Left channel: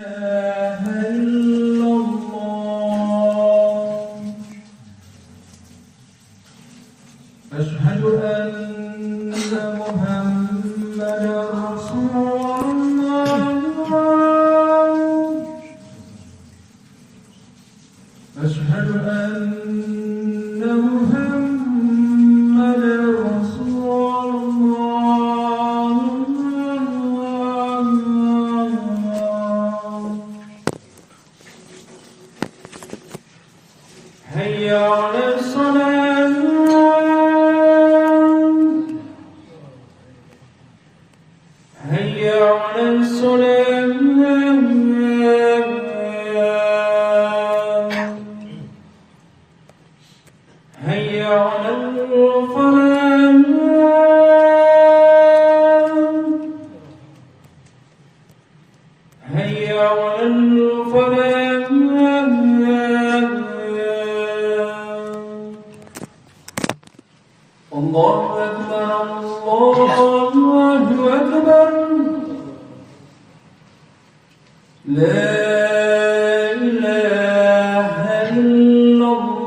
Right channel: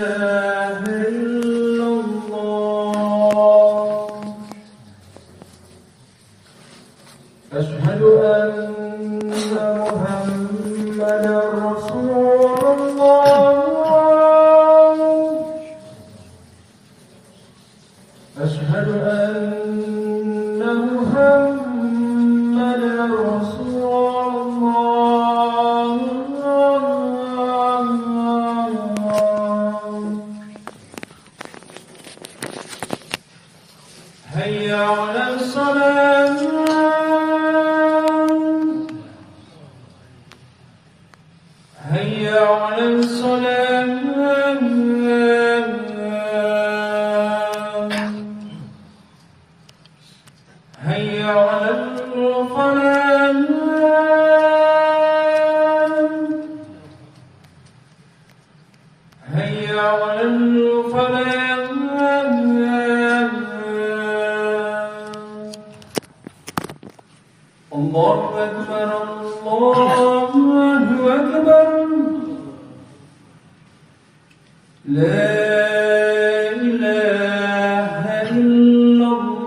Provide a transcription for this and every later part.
إله إلا الله أشهد أن محمدا رسول الله أشهد أن محمدا رسول الله هيا على الصلاة هيا على الصلاة هيا على الفلاح هيا على الفلاح الله أكبر الله أكبر لا إله إلا الله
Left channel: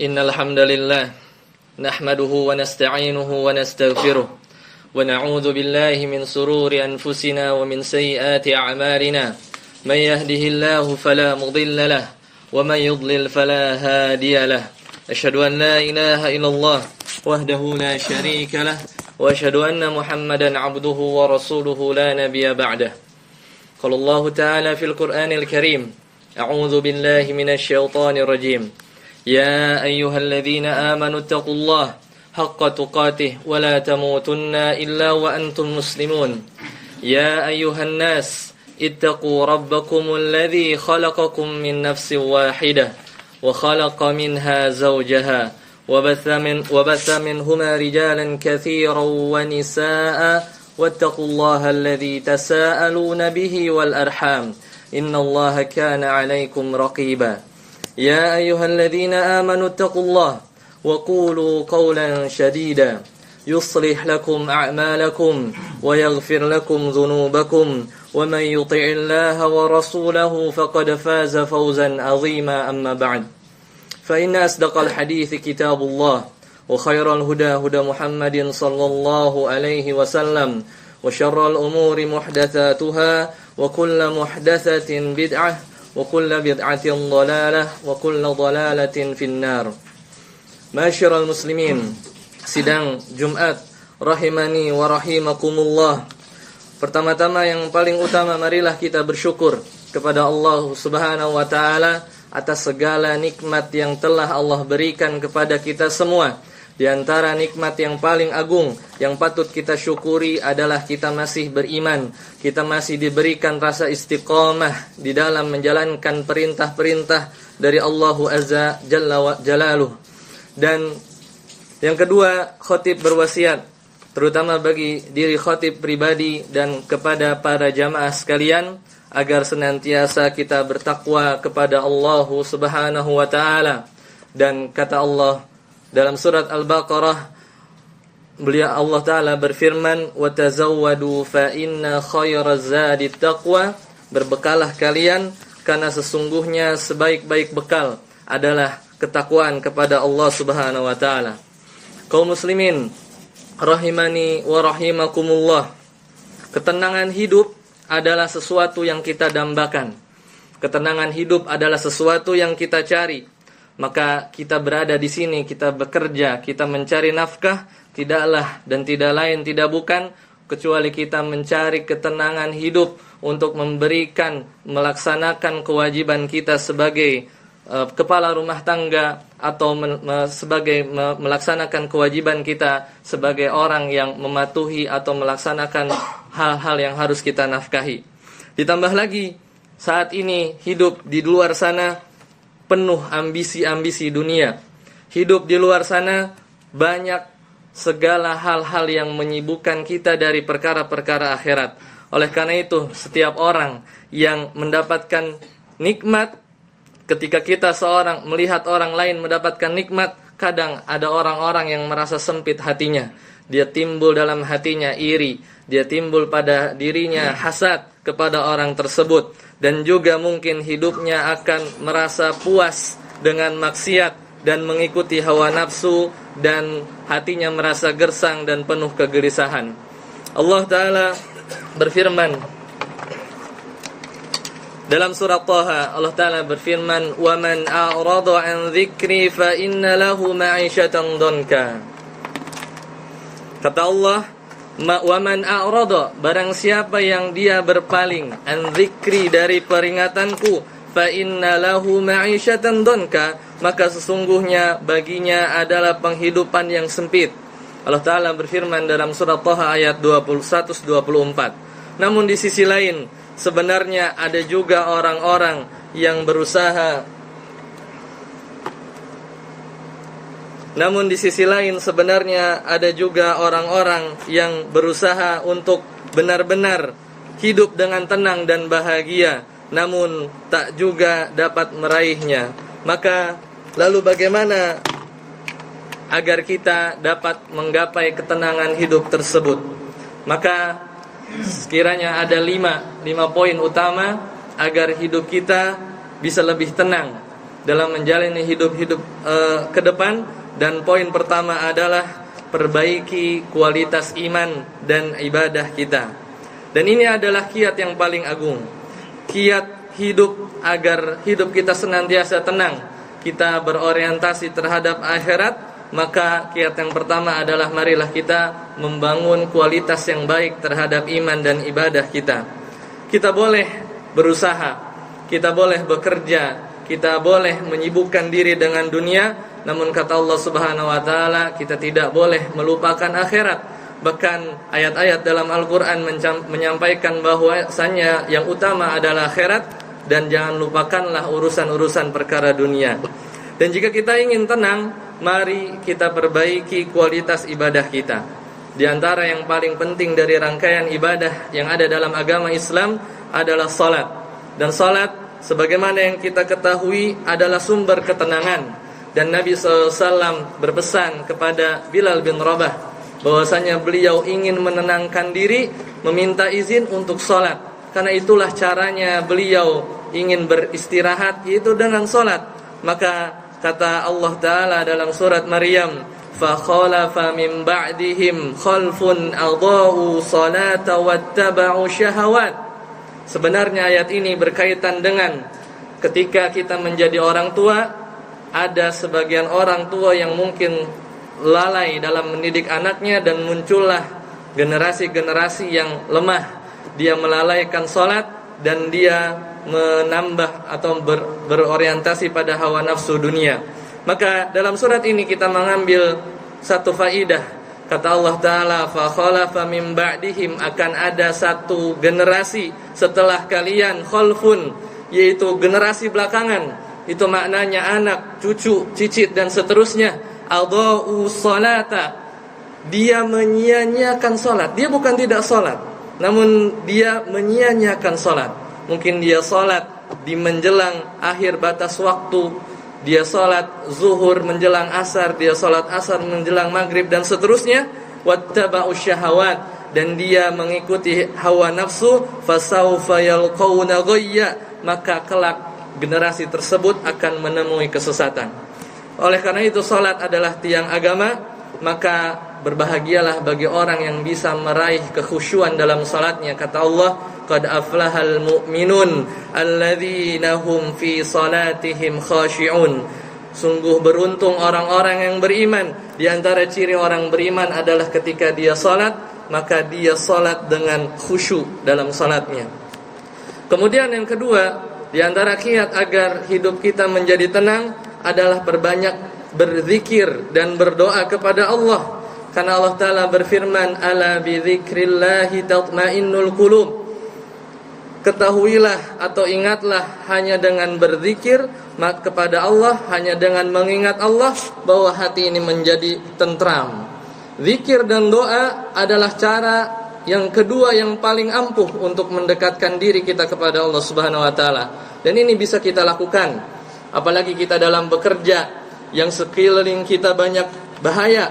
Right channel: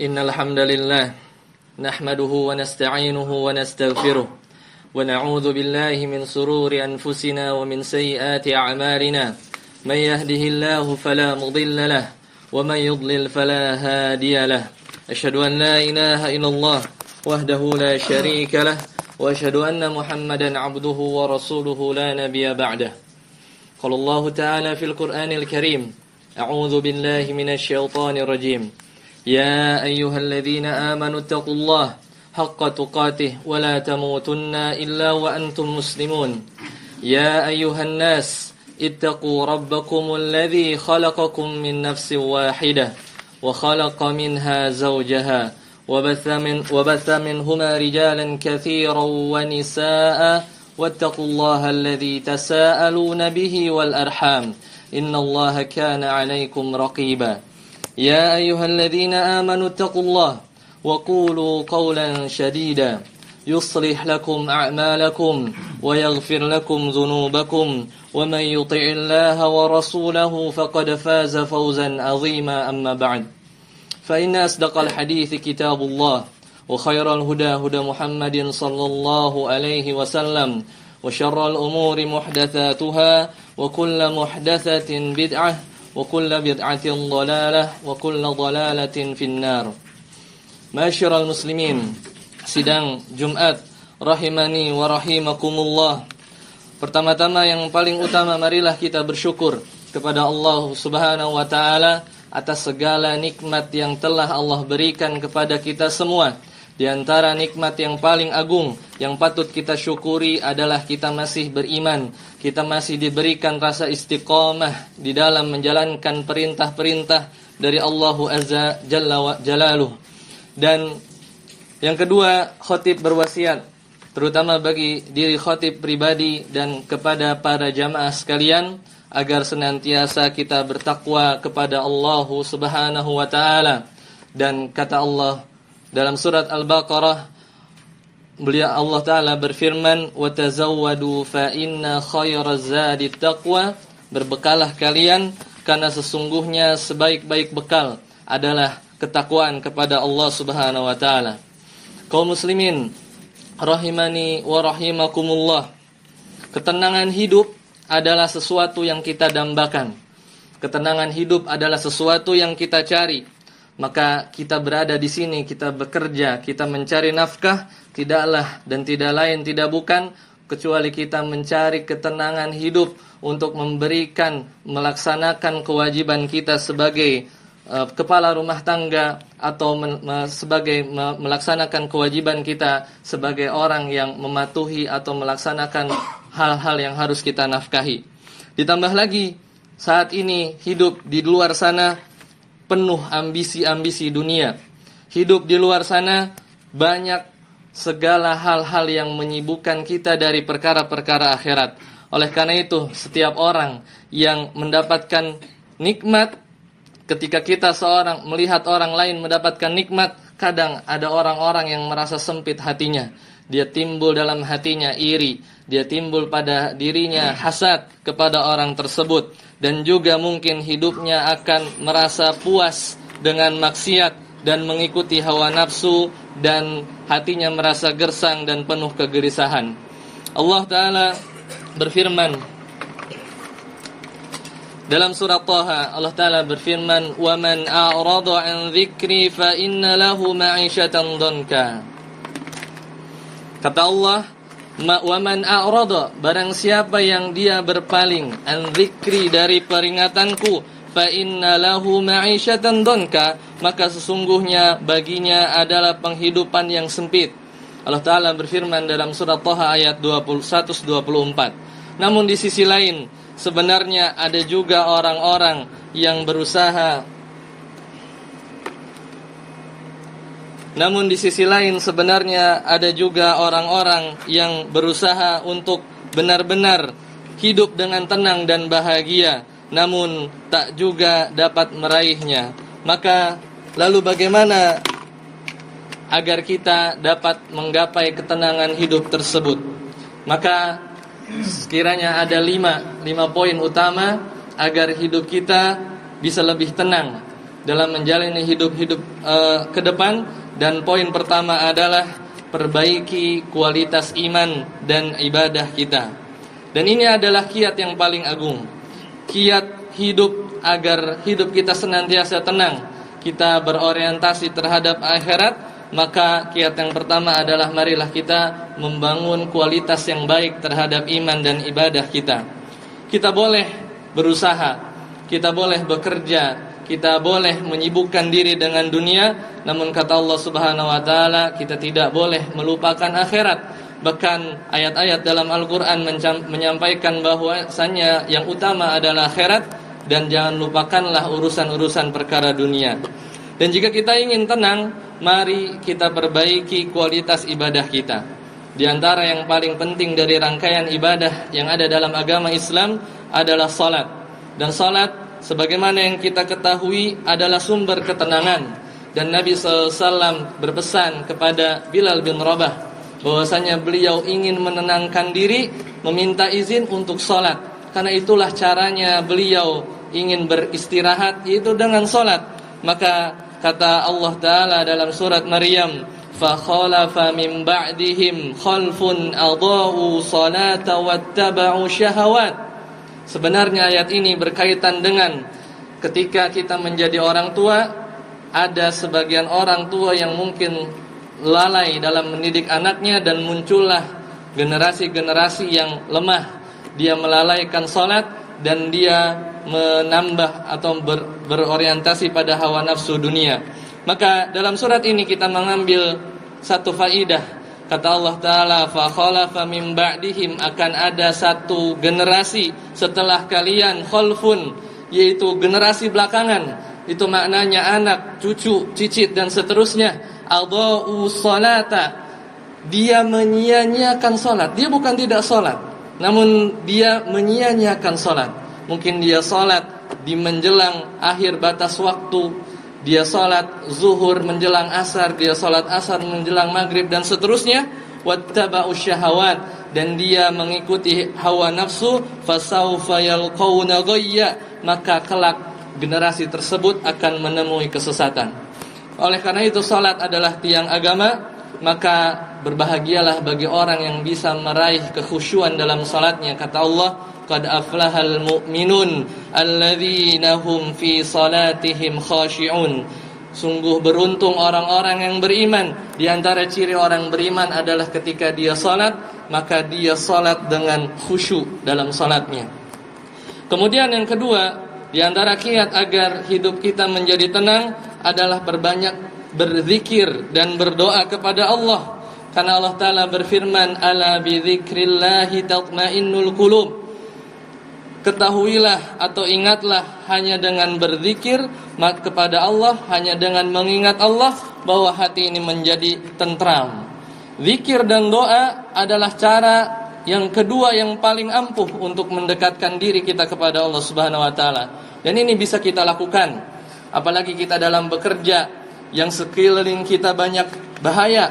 إن الحمد لله نحمده ونستعينه ونستغفره ونعوذ بالله من سرور أنفسنا ومن سيئات أعمالنا من يهده الله فلا مضل له ومن يضلل فلا هادي له أشهد أن لا إله إلا الله وحده لا شريك له وأشهد أن محمدا عبده ورسوله لا نبي بعده قال الله تعالى في القرآن الكريم أعوذ بالله من الشيطان الرجيم يا أيها الذين آمنوا اتقوا الله حق تقاته ولا تموتن إلا وأنتم مسلمون يا أيها الناس اتقوا ربكم الذي خلقكم من نفس واحدة وخلق منها زوجها وبث منهما رجالا كثيرا ونساء واتقوا الله الذي تساءلون به والأرحام إن الله كان عليكم رقيبا يا أيها الذين آمنوا اتقوا الله وقولوا قولا شديدا يصلح لكم أعمالكم ويغفر لكم ذنوبكم ومن يطع الله ورسوله فقد فاز فوزا عظيما أما بعد فإن أصدق الحديث كتاب الله وخير الهدى هدى محمد صلى الله عليه وسلم وشر الأمور محدثاتها وكل محدثة بدعة وكل بدعة ضلالة وكل ضلالة في النار. Ma'asyiral muslimin, sidang Jumat rahimani wa rahimakumullah. Pertama-tama yang paling utama, marilah kita bersyukur kepada Allah Subhanahu wa taala atas segala nikmat yang telah Allah berikan kepada kita semua. Di antara nikmat yang paling agung yang patut kita syukuri adalah kita masih beriman. Kita masih diberikan rasa istiqamah di dalam menjalankan perintah-perintah dari Allah Azza Jalla wa Jalaluh. Dan yang kedua, khatib berwasiat, terutama bagi diri khatib pribadi dan kepada para jamaah sekalian, agar senantiasa kita bertakwa kepada Allah Subhanahu wa taala. Dan kata Allah dalam surat Al-Baqarah, beliau Allah Ta'ala berfirman, وَتَزَوَّدُوا فَإِنَّ خَيْرَ الزَّادِ التَّقْوَى. Berbekalah kalian, karena sesungguhnya sebaik-baik bekal adalah ketakwaan kepada Allah Subhanahu wa Ta'ala. Kaum muslimin rahimani wa rahimakumullah, ketenangan hidup adalah sesuatu yang kita dambakan. Ketenangan hidup adalah sesuatu yang kita cari. Maka kita berada di sini, kita bekerja, kita mencari nafkah, tidaklah dan tidak lain, tidak bukan, kecuali kita mencari ketenangan hidup untuk memberikan, melaksanakan kewajiban kita sebagai kepala rumah tangga, atau sebagai melaksanakan kewajiban kita sebagai orang yang mematuhi atau melaksanakan hal-hal yang harus kita nafkahi. Ditambah lagi, saat ini hidup di luar sana penuh ambisi-ambisi dunia. Hidup di luar sana banyak segala hal-hal yang menyibukkan kita dari perkara-perkara akhirat. Oleh karena itu, setiap orang yang mendapatkan nikmat, ketika kita seorang melihat orang lain mendapatkan nikmat, kadang ada orang-orang yang merasa sempit hatinya. Dia timbul dalam hatinya iri, dia timbul pada dirinya hasad kepada orang tersebut, dan juga mungkin hidupnya akan merasa puas dengan maksiat dan mengikuti hawa nafsu, dan hatinya merasa gersang dan penuh kegelisahan. Allah Ta'ala berfirman dalam surat Taha, Allah Ta'ala berfirman, وَمَنْ أَعْرَضَ عَنْ ذِكْرِي فَإِنَّ لَهُ مَعِيشَةً ضَنْكًا. Kata Allah, وَمَنْ أَعْرَضَ, barang siapa yang dia berpaling, an dzikri, dari peringatanku, فَإِنَّ لَهُ مَعِيشَةً ضَنْكًا, maka sesungguhnya baginya adalah penghidupan yang sempit. Allah Ta'ala berfirman dalam surat Taha ayat 124. Namun di sisi lain, sebenarnya ada juga orang-orang yang berusaha. Namun di sisi lain sebenarnya ada juga orang-orang yang berusaha untuk benar-benar hidup dengan tenang dan bahagia, namun tak juga dapat meraihnya. Maka lalu bagaimana agar kita dapat menggapai ketenangan hidup tersebut? Maka sekiranya ada lima poin utama agar hidup kita bisa lebih tenang dalam menjalani hidup ke depan. Dan poin pertama adalah perbaiki kualitas iman dan ibadah kita. Dan ini adalah kiat yang paling agung, kiat hidup agar hidup kita senantiasa tenang, kita berorientasi terhadap akhirat. Maka kiat yang pertama adalah marilah kita membangun kualitas yang baik terhadap iman dan ibadah kita. Kita boleh berusaha, kita boleh bekerja, kita boleh menyibukkan diri dengan dunia, namun kata Allah Subhanahu wa taala, kita tidak boleh melupakan akhirat. Bahkan ayat-ayat dalam Al-Qur'an menyampaikan bahwasanya yang utama adalah akhirat, dan jangan lupakanlah urusan-urusan perkara dunia. Dan jika kita ingin tenang, mari kita perbaiki kualitas ibadah kita. Di antara yang paling penting dari rangkaian ibadah yang ada dalam agama Islam adalah salat. Dan salat, sebagaimana yang kita ketahui, adalah sumber ketenangan. Dan Nabi SAW berpesan kepada Bilal bin Rabah bahwasanya beliau ingin menenangkan diri, meminta izin untuk salat. Karena itulah caranya beliau ingin beristirahat, yaitu dengan salat. Maka kata Allah Ta'ala dalam surat Maryam, فَخَلَفَ مِنْ بَعْدِهِمْ خَلْفٌ أَضَاءُوا صَلَاةَ وَاتَّبَعُوا شَهَوَاتِ. Sebenarnya ayat ini berkaitan dengan ketika kita menjadi orang tua, ada sebagian orang tua yang mungkin lalai dalam mendidik anaknya, dan muncullah generasi-generasi yang lemah. Dia melalaikan salat dan dia menambah atau berorientasi pada hawa nafsu dunia. Maka dalam surat ini kita mengambil satu faidah. Kata Allah Ta'ala, فَخَلَفَ مِنْ بَعْدِهِمْ, akan ada satu generasi setelah kalian, khalfun, yaitu generasi belakangan. Itu maknanya anak, cucu, cicit, dan seterusnya. Adha'u salata, dia menyia-nyiakan salat. Dia bukan tidak salat, namun dia menyia-nyiakan salat. Mungkin dia salat di menjelang akhir batas waktu, dia salat zuhur menjelang asar, dia salat asar menjelang maghrib, dan seterusnya. Wattaba'u syahawat, dan dia mengikuti hawa nafsu. Fasawfa yalqawna ghayya, maka kelak generasi tersebut akan menemui kesesatan. Oleh karena itu salat adalah tiang agama. Maka berbahagialah bagi orang yang bisa meraih kekhusyuan dalam salatnya. Kata Allah, qad aflahal mu'minun alladzina hum fi salatihim khashi'un. Sungguh beruntung orang-orang yang beriman. Di antara ciri orang beriman adalah ketika dia salat, maka dia salat dengan khusyuk dalam salatnya. Kemudian yang kedua, di antara kiat agar hidup kita menjadi tenang adalah berbanyak berzikir dan berdoa kepada Allah. Karena Allah Ta'ala berfirman, ala bidzikrillahi tatmainnul qulub. Ketahuilah atau ingatlah hanya dengan berzikir kepada Allah, hanya dengan mengingat Allah, bahwa hati ini menjadi tentram. Zikir dan doa adalah cara yang kedua yang paling ampuh untuk mendekatkan diri kita kepada Allah Subhanahu wa taala. Dan ini bisa kita lakukan apalagi kita dalam bekerja yang sekeliling kita banyak bahaya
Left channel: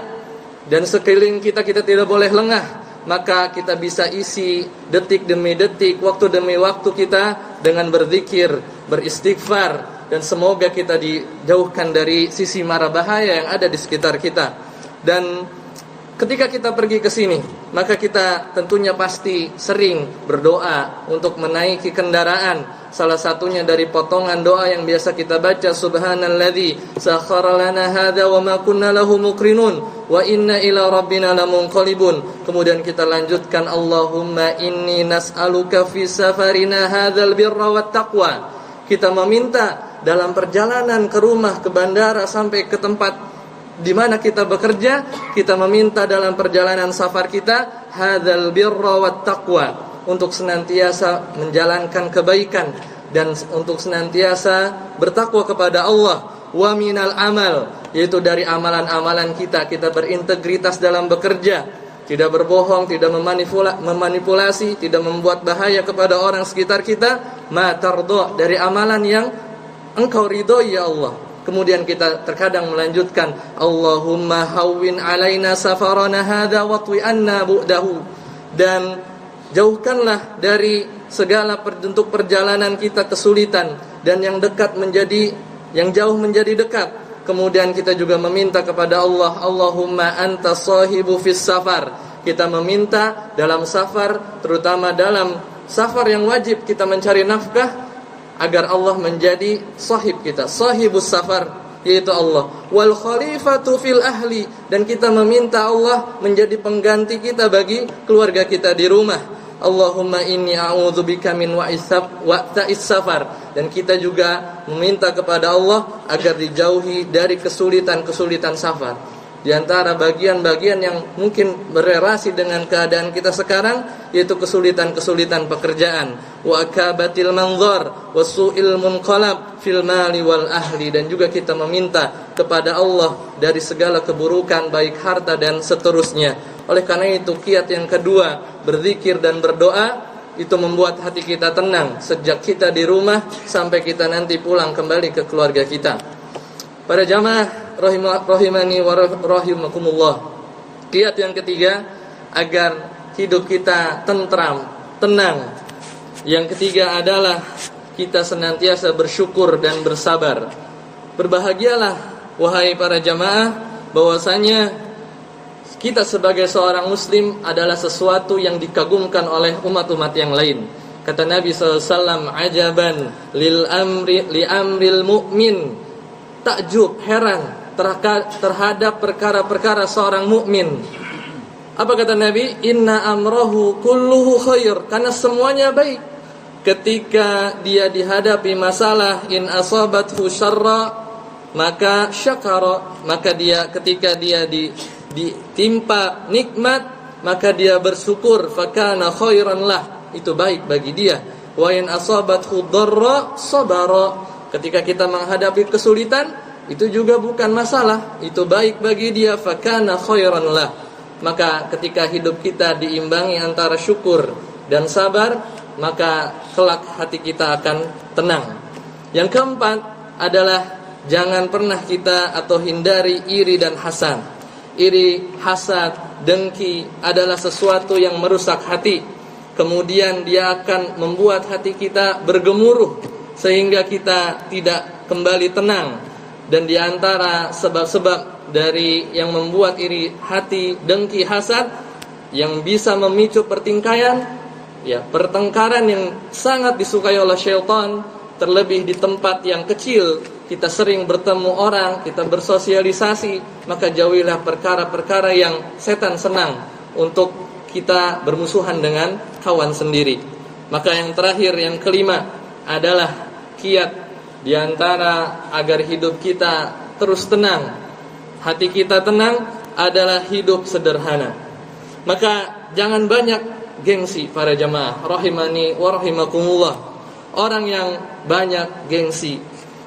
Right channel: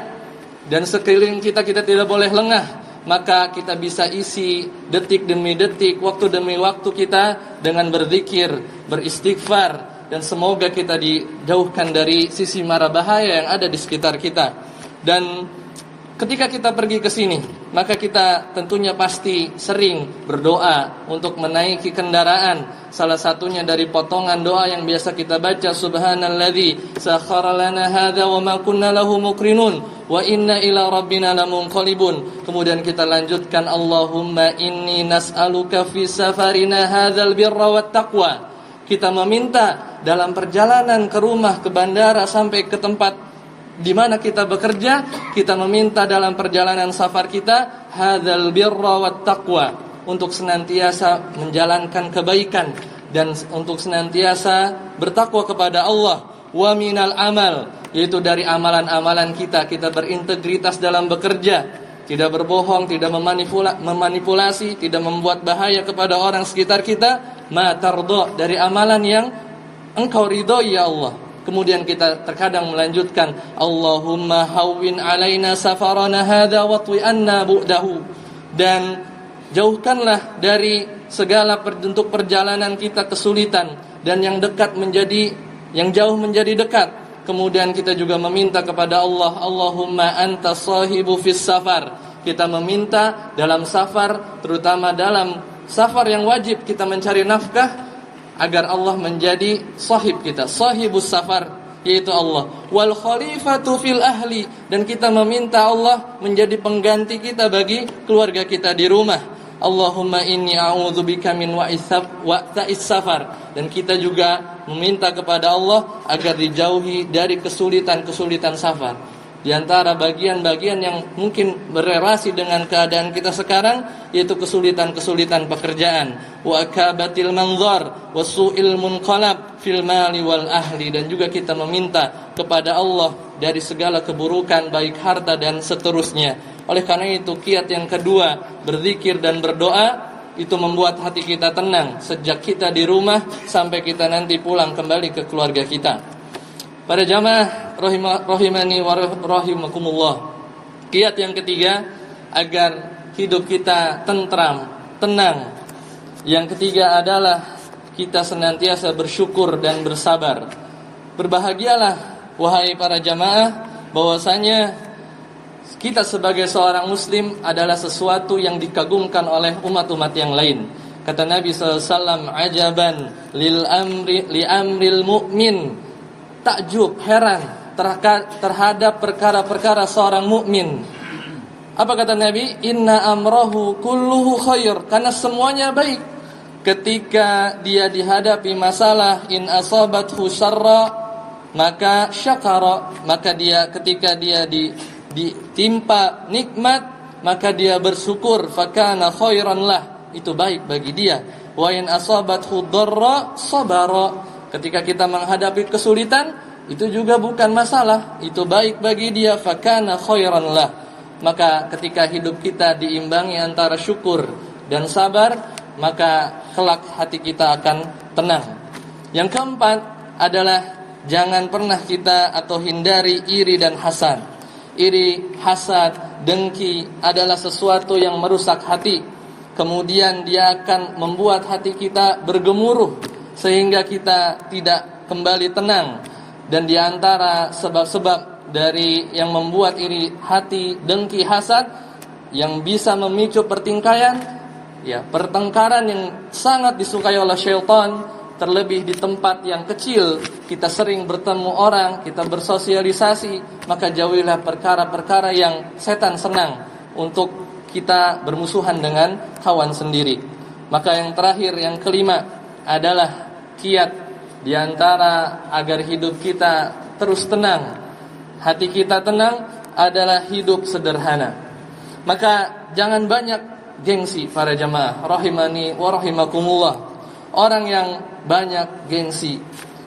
dan sekeliling kita tidak boleh lengah. Maka kita bisa isi detik demi detik, waktu demi waktu kita dengan berzikir, beristighfar, dan semoga kita dijauhkan dari sisi mara bahaya yang ada di sekitar kita. Dan ketika kita pergi ke sini, maka kita tentunya pasti sering berdoa untuk menaiki kendaraan. Salah satunya dari potongan doa yang biasa kita baca, Subhanalladzi sakhkhara lana hadza wa ma kunna lahu muqrinun wa inna ila rabbina lamunqalibun. Kemudian kita lanjutkan, Allahumma inni nas'aluka fi safarina hadzal birra wat taqwa. Kita meminta dalam perjalanan ke rumah, ke bandara, sampai ke tempat di mana kita bekerja, kita meminta dalam perjalanan safar kita hadzal birra wat taqwa, untuk senantiasa menjalankan kebaikan dan untuk senantiasa bertakwa kepada Allah. Wa minal amal, yaitu dari amalan-amalan kita berintegritas dalam bekerja, tidak berbohong, tidak memanipulasi, tidak membuat bahaya kepada orang sekitar kita. Ma tardha, dari amalan yang engkau ridhoi ya Allah. Kemudian kita terkadang melanjutkan, Allahumma hawwin alaina safarana hadza wa twi anna bu'dahu, dan jauhkanlah dari segala bentuk perjalanan kita kesulitan, dan yang dekat menjadi yang jauh menjadi dekat. Kemudian kita juga meminta kepada Allah, Allahumma anta sahibu fis safar. Kita meminta dalam safar, terutama dalam safar yang wajib kita mencari nafkah, agar Allah menjadi sahib kita, sahibus safar, yaitu Allah. Wal khalifatu fil ahli, dan kita meminta Allah menjadi pengganti kita bagi keluarga kita di rumah. Allahumma inni a'udzubika min wa'ta'is safar, dan kita juga meminta kepada Allah agar dijauhi dari kesulitan-kesulitan safar. Di antara bagian-bagian yang mungkin berelasi dengan keadaan kita sekarang, yaitu kesulitan-kesulitan pekerjaan, wa akabatil manzar wa su'il munqalab fil mali wal ahli, dan juga kita meminta kepada Allah dari segala keburukan baik harta dan seterusnya. Oleh karena itu, kiat yang kedua, berzikir dan berdoa, itu membuat hati kita tenang sejak kita di rumah sampai kita nanti pulang kembali ke keluarga kita. Para jamaah rahimani wa rahimakumullah, kiat yang ketiga agar hidup kita tentram, tenang, yang ketiga adalah kita senantiasa bersyukur dan bersabar. Berbahagialah wahai para jamaah, bahwasanya kita sebagai seorang muslim adalah sesuatu yang dikagumkan oleh umat-umat yang lain. Kata Nabi SAW, ajaban li amril mu'min, takjub, heran terhadap perkara-perkara seorang mukmin. Apa kata Nabi? Inna amrahu kulluhu khair, karena semuanya baik. Ketika dia dihadapi masalah, in asabathu syarra, maka syakara, maka dia ketika dia ditimpa nikmat, maka dia bersyukur, fakana khairan lah, itu baik bagi dia. Wa in asabathu dharra sabara, ketika kita menghadapi kesulitan, itu juga bukan masalah, itu baik bagi dia, fakana khairan lah. Maka ketika hidup kita diimbangi antara syukur dan sabar, maka kelak hati kita akan tenang. Yang keempat adalah jangan pernah kita atau hindari iri dan hasad. Iri, hasad, dengki adalah sesuatu yang merusak hati. Kemudian dia akan membuat hati kita bergemuruh sehingga kita tidak kembali tenang. Dan di antara sebab-sebab dari yang membuat iri hati, dengki, hasad, yang bisa memicu pertingkaian, pertengkaran yang sangat disukai oleh syaitan, terlebih di tempat yang kecil, kita sering bertemu orang, kita bersosialisasi, maka jauhilah perkara-perkara yang setan senang untuk kita bermusuhan dengan kawan sendiri. Maka yang terakhir, yang kelima adalah kiat di antara agar hidup kita terus tenang, hati kita tenang, adalah hidup sederhana. Maka jangan banyak gengsi para jamaah rahimani wa rahimakumullah. Orang yang banyak gengsi,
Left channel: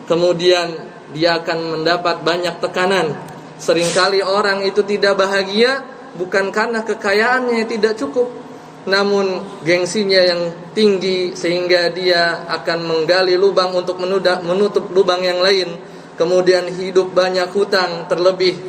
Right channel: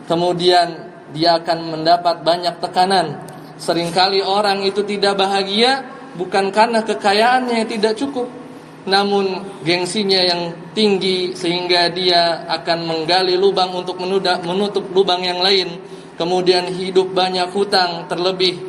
kemudian dia akan mendapat banyak tekanan. Seringkali orang itu tidak bahagia bukan karena kekayaannya yang tidak cukup, namun gengsinya yang tinggi sehingga dia akan menggali lubang untuk menutup lubang yang lain, kemudian hidup banyak hutang, terlebih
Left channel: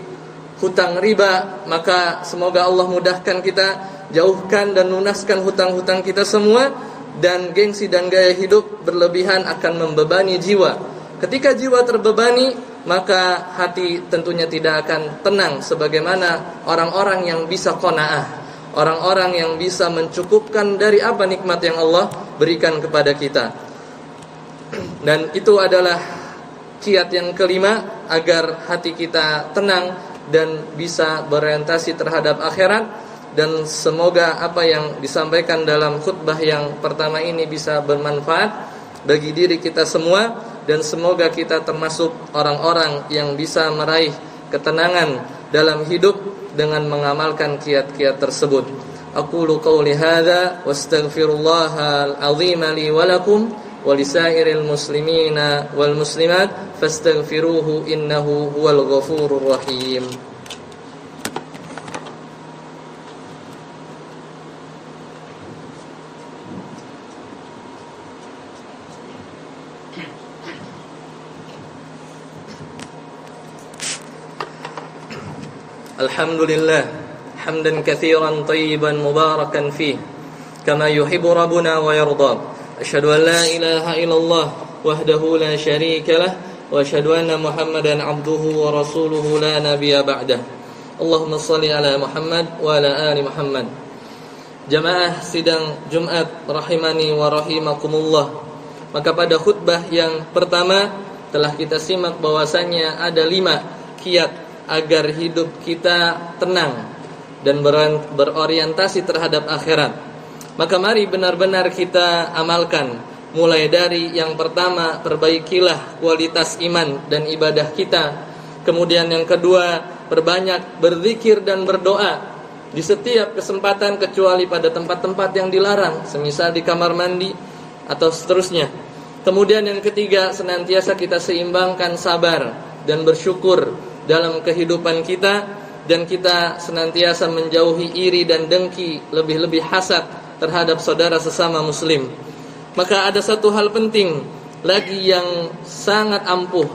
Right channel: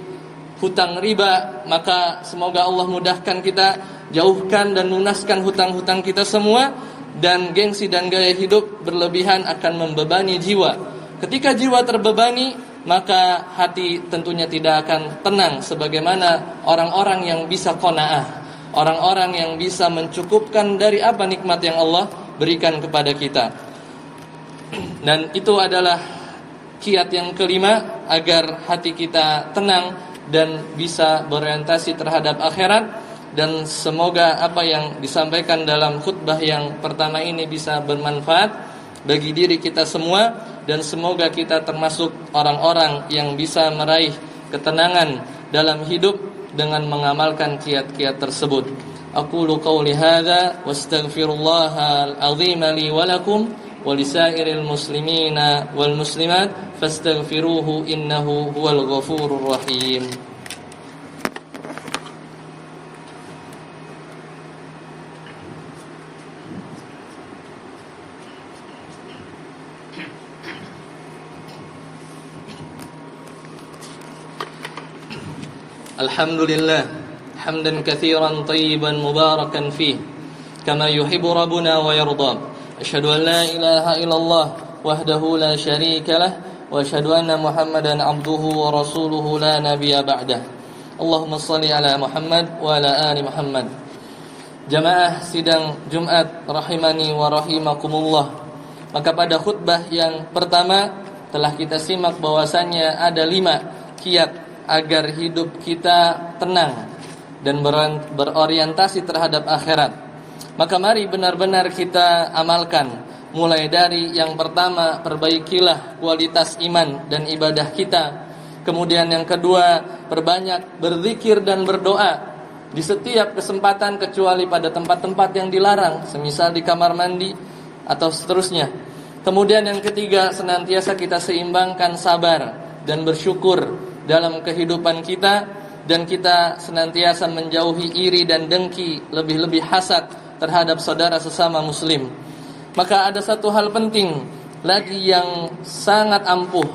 hutang riba. Maka semoga Allah mudahkan kita, jauhkan dan lunaskan hutang-hutang kita semua. Dan gengsi dan gaya hidup berlebihan akan membebani jiwa. Ketika jiwa terbebani, maka hati tentunya tidak akan tenang sebagaimana orang-orang yang bisa qanaah, orang-orang yang bisa mencukupkan dari apa nikmat yang Allah berikan kepada kita. Dan itu adalah kiat yang kelima agar hati kita tenang dan bisa berorientasi terhadap akhirat. Dan semoga apa yang disampaikan dalam khutbah yang pertama ini bisa bermanfaat bagi diri kita semua, dan semoga kita termasuk orang-orang yang bisa meraih ketenangan dalam hidup dengan mengamalkan kiat-kiat tersebut. Aqulu qawli hadza wastaghfirullahal azim li wa lakum wa lisairil muslimina wal muslimat fastaghfiruhu innahu huwal ghafurur rahim. Alhamdulillah hamdan katsiran tayyiban mubarakan fih kama yuhibbu rabbuna wa yarda. Asyhadu an la ilaha illallah wahdahu la syarika lah wa asyhadu anna Muhammadan abduhu wa rasuluhu la nabiyya ba'dah. Allahumma shalli ala Muhammad wa ala ali Muhammad. Jamaah sidang Jumat rahimani wa rahimakumullah. Maka pada khutbah yang pertama telah kita simak bahwasanya ada 5 kiat agar hidup kita tenang dan berorientasi terhadap akhirat. Maka mari benar-benar kita amalkan. Mulai dari yang pertama, perbaikilah kualitas iman dan ibadah kita. Kemudian yang kedua, perbanyak berzikir dan berdoa di setiap kesempatan kecuali pada tempat-tempat yang dilarang, semisal di kamar mandi atau seterusnya. Kemudian yang ketiga, senantiasa kita seimbangkan sabar dan bersyukur dalam kehidupan kita, dan kita senantiasa menjauhi iri dan dengki, lebih-lebih hasad terhadap saudara sesama muslim. Maka ada satu hal penting lagi yang sangat ampuh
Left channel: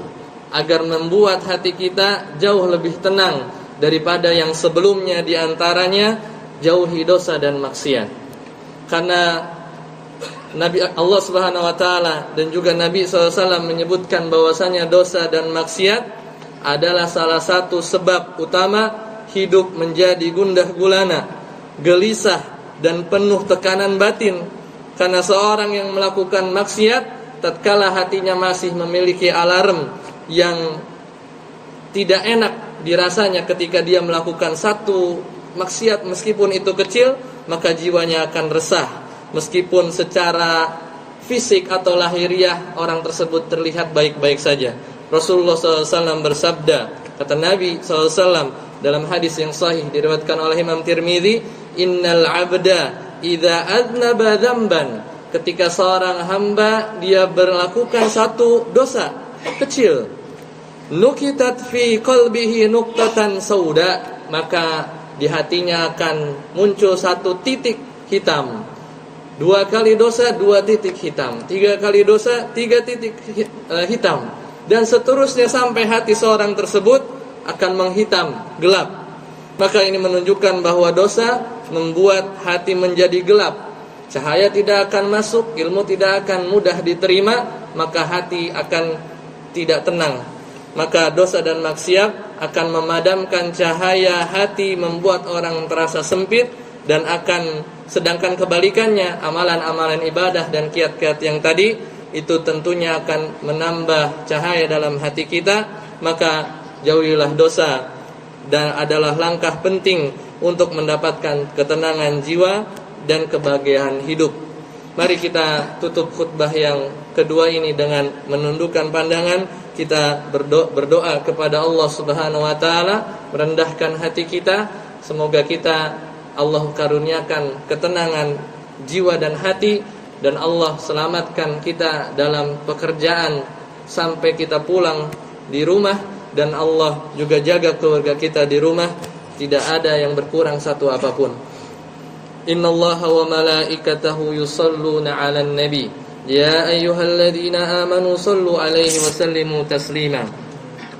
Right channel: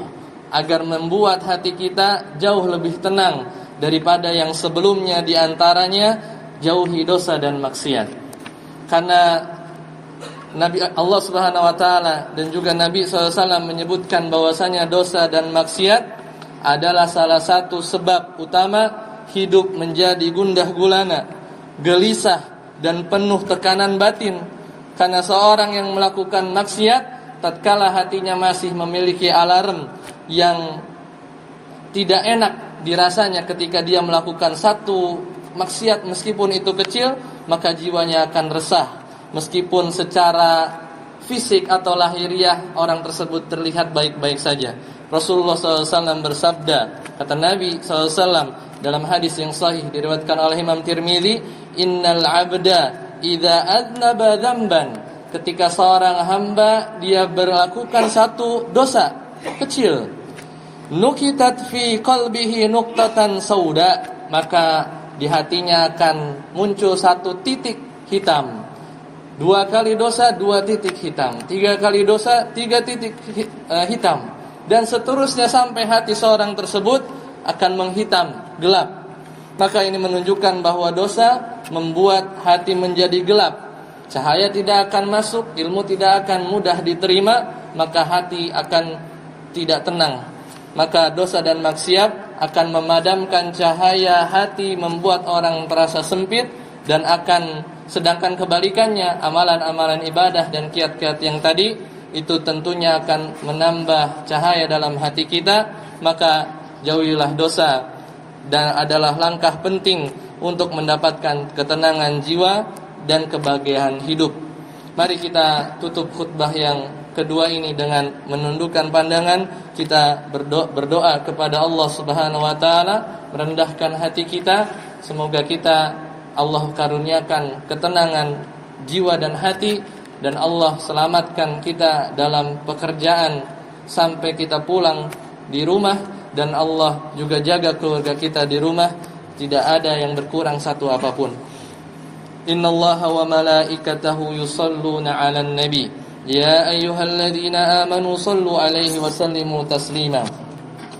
agar membuat hati kita jauh lebih tenang daripada yang sebelumnya, diantaranya jauhi dosa dan maksiat. Karena Nabi Allah Subhanahu wa taala dan juga Nabi SAW menyebutkan bahwasanya dosa dan maksiat adalah salah satu sebab utama hidup menjadi gundah gulana, gelisah dan penuh tekanan batin. Karena seorang yang melakukan maksiat, tatkala hatinya masih memiliki alarm yang tidak enak dirasanya ketika dia melakukan satu maksiat, meskipun itu kecil, maka jiwanya akan resah. Meskipun secara fisik atau lahiriah orang tersebut terlihat baik-baik saja. Rasulullah SAW bersabda, kata Nabi SAW dalam hadis yang sahih diriwayatkan oleh Imam Tirmidzi, innal abda idza aznaba dzamban, ketika seorang hamba dia melakukan satu dosa kecil, nukitat fi qalbihi nuqtatan sauda, maka di hatinya akan muncul satu titik hitam. 2 kali dosa 2 titik hitam, 3 kali dosa 3 titik hitam, dan seterusnya sampai hati seorang tersebut akan menghitam, gelap. Maka ini menunjukkan bahwa dosa membuat hati menjadi gelap. Cahaya tidak akan masuk, ilmu tidak akan mudah diterima, maka hati akan tidak tenang. Maka dosa dan maksiat akan memadamkan cahaya hati, membuat orang terasa sempit, dan akan sedangkan kebalikannya, amalan-amalan ibadah dan kiat-kiat yang tadi itu tentunya akan menambah cahaya dalam hati kita. Maka jauhilah dosa, dan adalah langkah penting untuk mendapatkan ketenangan jiwa dan kebahagiaan hidup. Mari kita tutup khutbah yang kedua ini dengan menundukkan pandangan. Kita berdoa kepada Allah Subhanahu wa taala, merendahkan hati kita. Semoga kita Allah karuniakan ketenangan jiwa dan hati, dan Allah selamatkan kita dalam pekerjaan sampai kita pulang di rumah, dan Allah juga jaga keluarga kita di rumah, tidak ada yang berkurang satu apapun. إن الله وملائكته يصلون على النبي يا أيها الذين آمنوا صلوا عليه وسلموا تسليما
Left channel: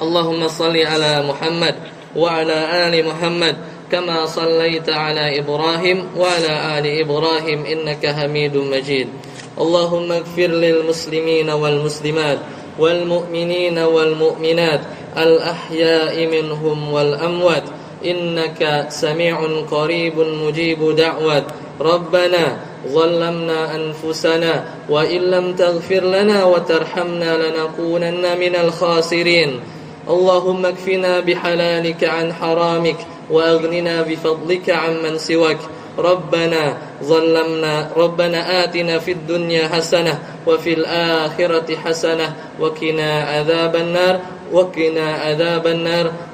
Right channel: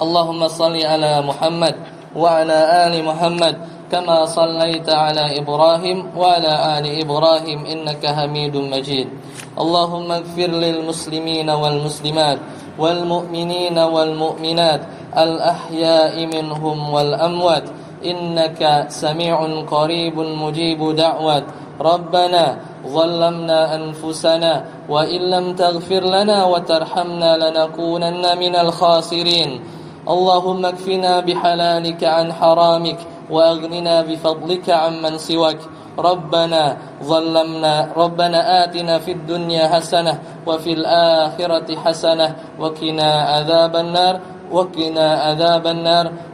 اللهم صل على محمد وعلى آل محمد كما صليت على إبراهيم وعلى آل إبراهيم إنك حميد مجيد اللهم اغفر للمسلمين والمسلمات والمؤمنين والمؤمنات الأحياء منهم والأموات إنك سميع قريب مجيب دعوات ربنا ظلمنا أنفسنا وإن لم تغفر لنا وترحمنا لنكونن من الخاسرين اللهم اكفنا بحلالك عن حرامك وأغننا بفضلك عمن سواك ربنا آتنا في الدنيا حسنة وفي الآخرة حسنة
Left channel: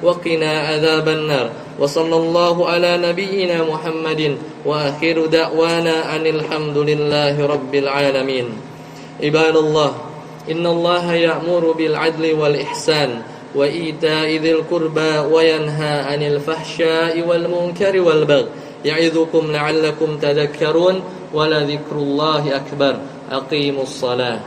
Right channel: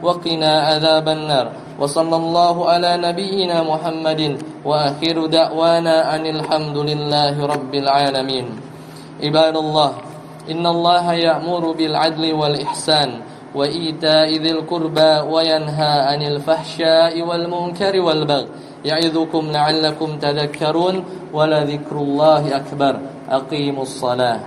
وقنا عذاب النار وصلى الله على نبينا محمد وآخر دعوانا أن الحمد لله رب العالمين عباد الله إن الله يأمر بالعدل والإحسان وإيتاء ذي القربى وينهى عن الفحشاء والمنكر والبغي يعظكم لعلكم تذكرون ولذكر الله أكبر أقيموا الصلاة